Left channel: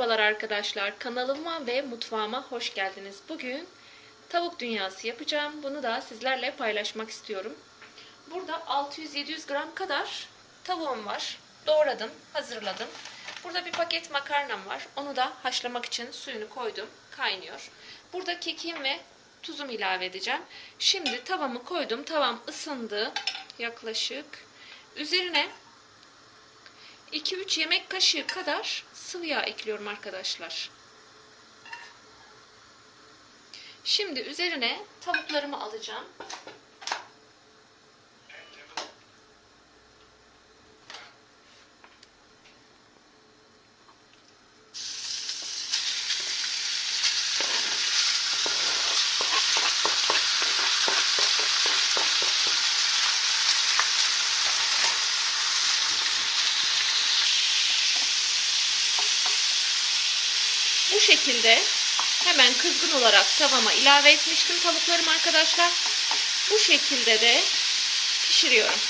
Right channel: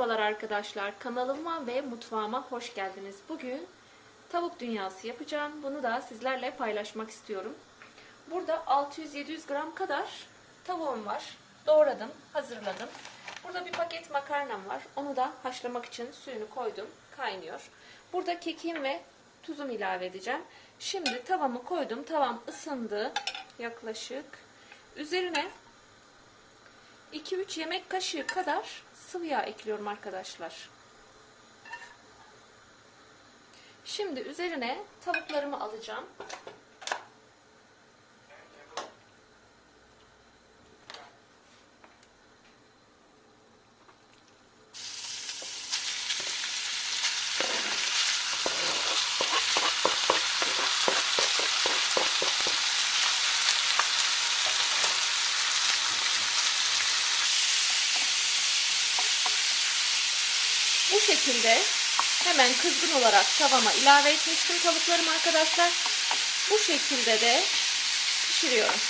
Merhabalar arkadaşlar. Kanalıma ve mutfağıma hoş geldiniz. Bugün tavuk dünyası yapacağım. Bunu da sizlerle paylaşmak istiyorum. Burada 600-700 gram kadar tavuğum var. Doğradım, hazırladım. Burada bir paket makarnam var. Onu da haşlamak için suyunu koydum. Kaynıyor. Burada kekim ve tuzumu ilave edeceğim. Şimdi tavamı koydum. Tavam ısındı. Yaklaşık. Üzerine 2-3 yemek kaşığı kadar sıvı yağ ekliyorum arkadaşlar. Şimdi üzerine tavuklarımı alacağım. Bu şekilde hemen kızgın olarak tavama ilave etmiştim tavuklarımı arkadaşlar. Bu şekilde de pişiriyorum.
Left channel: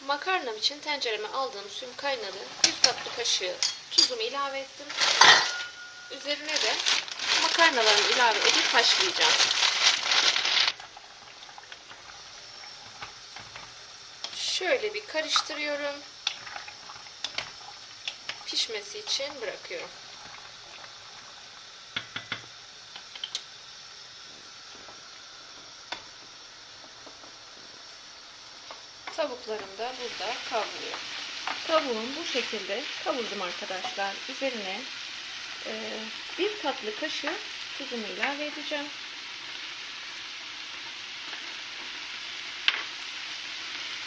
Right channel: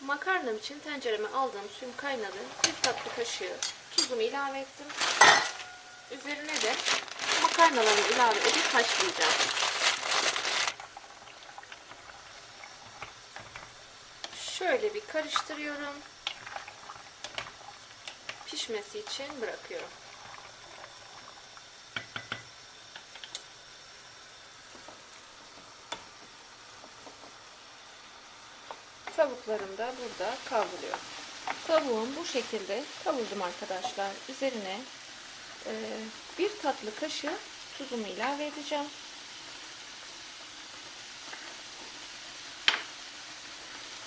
Makarnam için tencereme aldığım suyum kaynadı. Bir tatlı kaşığı tuzumu ilave ettim. Üzerine de makarnalarımı ilave edip haşlayacağım. Şöyle bir karıştırıyorum pişmesi için bırakıyorum. Tavuklarım da burada kavruluyor. Tavuğum bu şekilde kavurdum arkadaşlar. Üzerine e, bir tatlı kaşığı tuzumu ilave edeceğim.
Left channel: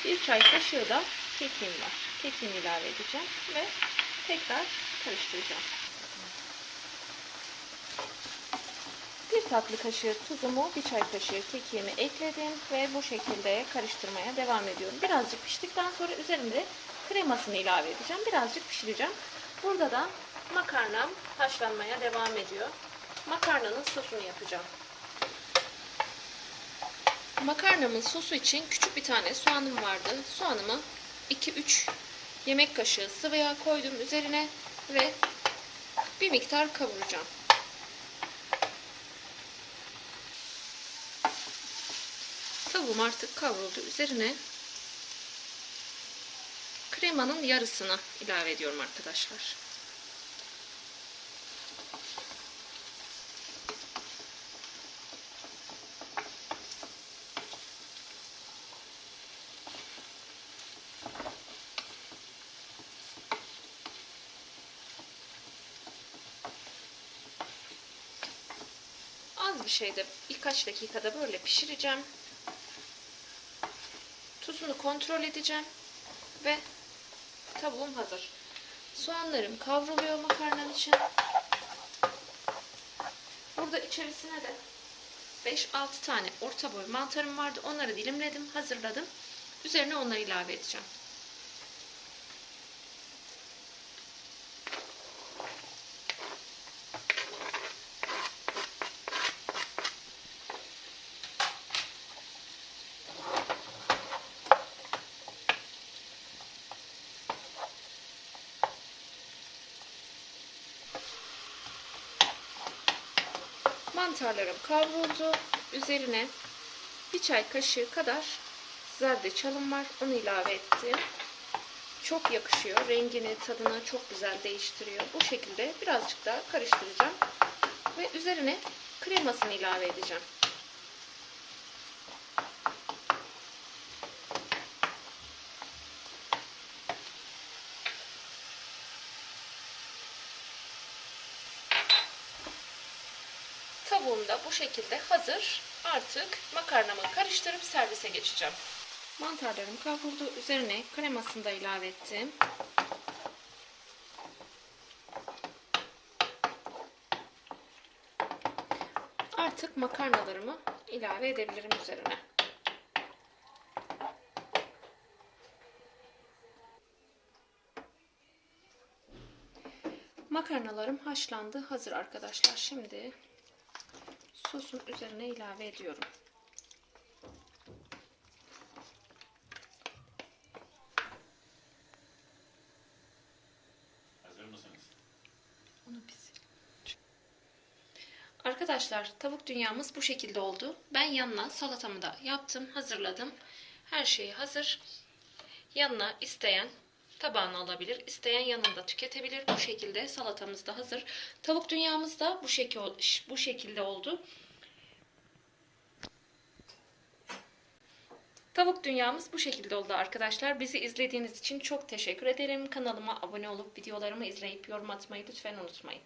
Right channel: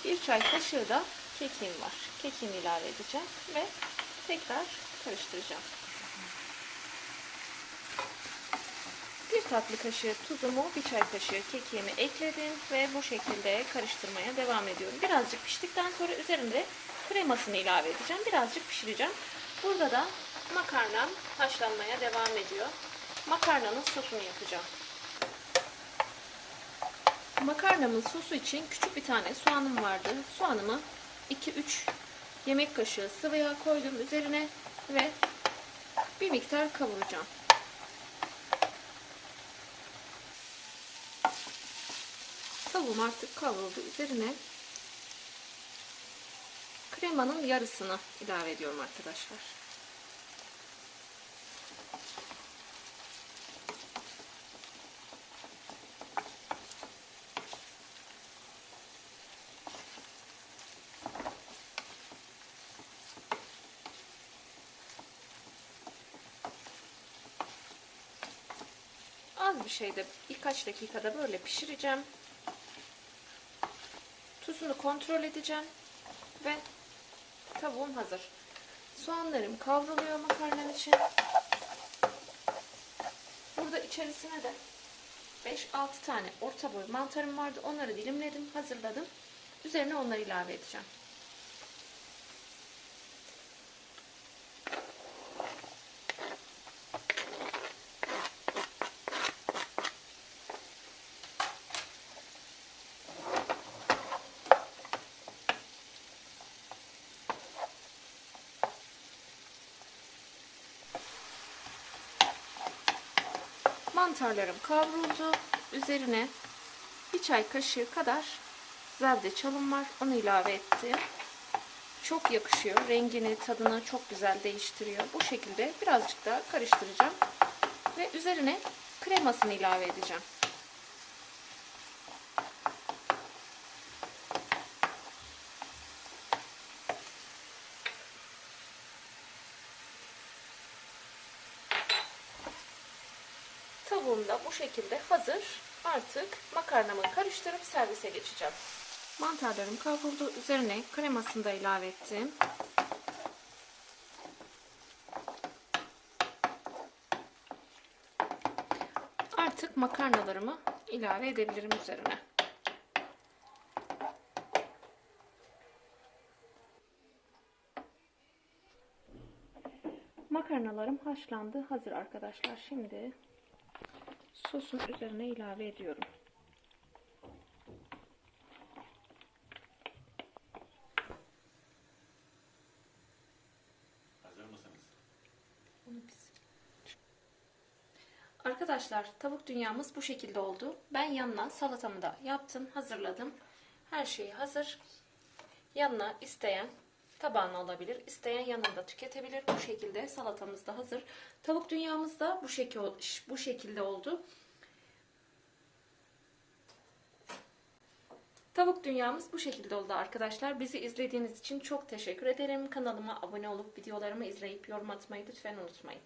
Bir çay kaşığı da kekiğim var. Kekiğimi ilave edeceğim ve tekrar karıştıracağım. Bir tatlı kaşığı tuzumu, bir çay kaşığı kekiğimi ekledim ve bu şekilde karıştırmaya devam ediyorum. Birazcık piştikten sonra üzerinde kremasını ilave edeceğim. Birazcık pişireceğim. Burada da makarnam haşlanmaya devam ediyor. Makarnanın sosunu yapacağım. Makarnamın sosu için küçük bir tane soğanım vardı. Soğanımı 2-3 yemek kaşığı sıvı yağ koydum üzerine ve bir miktar kavuracağım. Tavuğum artık kavruldu. Üzerine kremanın yarısını ilave ediyorum arkadaşlar. Bir şeyde birkaç dakikada böyle pişireceğim. Tuzunu kontrol edeceğim ve tavuğum hazır. Soğanlarım kavruluyor makarnanın için. Burada içerisine de 5-6 tane orta boy mantarım vardı. Onları dilimledim, hazırladım. Üzerine onları ilave edeceğim. Mantarlarım kavruldu. Üzerine bir çay kaşığı kadar zerdeçalım var. Onu ilave ettim. Çok yakışıyor. Rengini, tadını çok güzel değiştiriyor. Bu şekilde birazcık daha karıştıracağım. Ve üzerine kremasını ilave edeceğim. Tavuğum da bu şekilde hazır. Artık makarnamı karıştırıp servise geçeceğim. Mantarlarım kavruldu. Üzerine kremasını da ilave ettim. Artık makarnalarımı ilave edebilirim üzerine. Makarnalarım haşlandı. Hazır arkadaşlar. Şimdi sosun üzerine ilave ediyorum. Arkadaşlar tavuk dünyamız bu şekilde oldu. Ben yanına salatamı da yaptım, hazırladım. Her şey hazır. Yanına isteyen tabağına alabilir, isteyen yanında tüketebilir. Bu şekilde salatamız da hazır. Tavuk dünyamız da bu şekil bu şekilde oldu. Tavuk dünyamız bu şekilde oldu arkadaşlar. Bizi izlediğiniz için çok teşekkür ederim. Kanalıma abone olup videolarımı izleyip yorum atmayı lütfen unutmayın.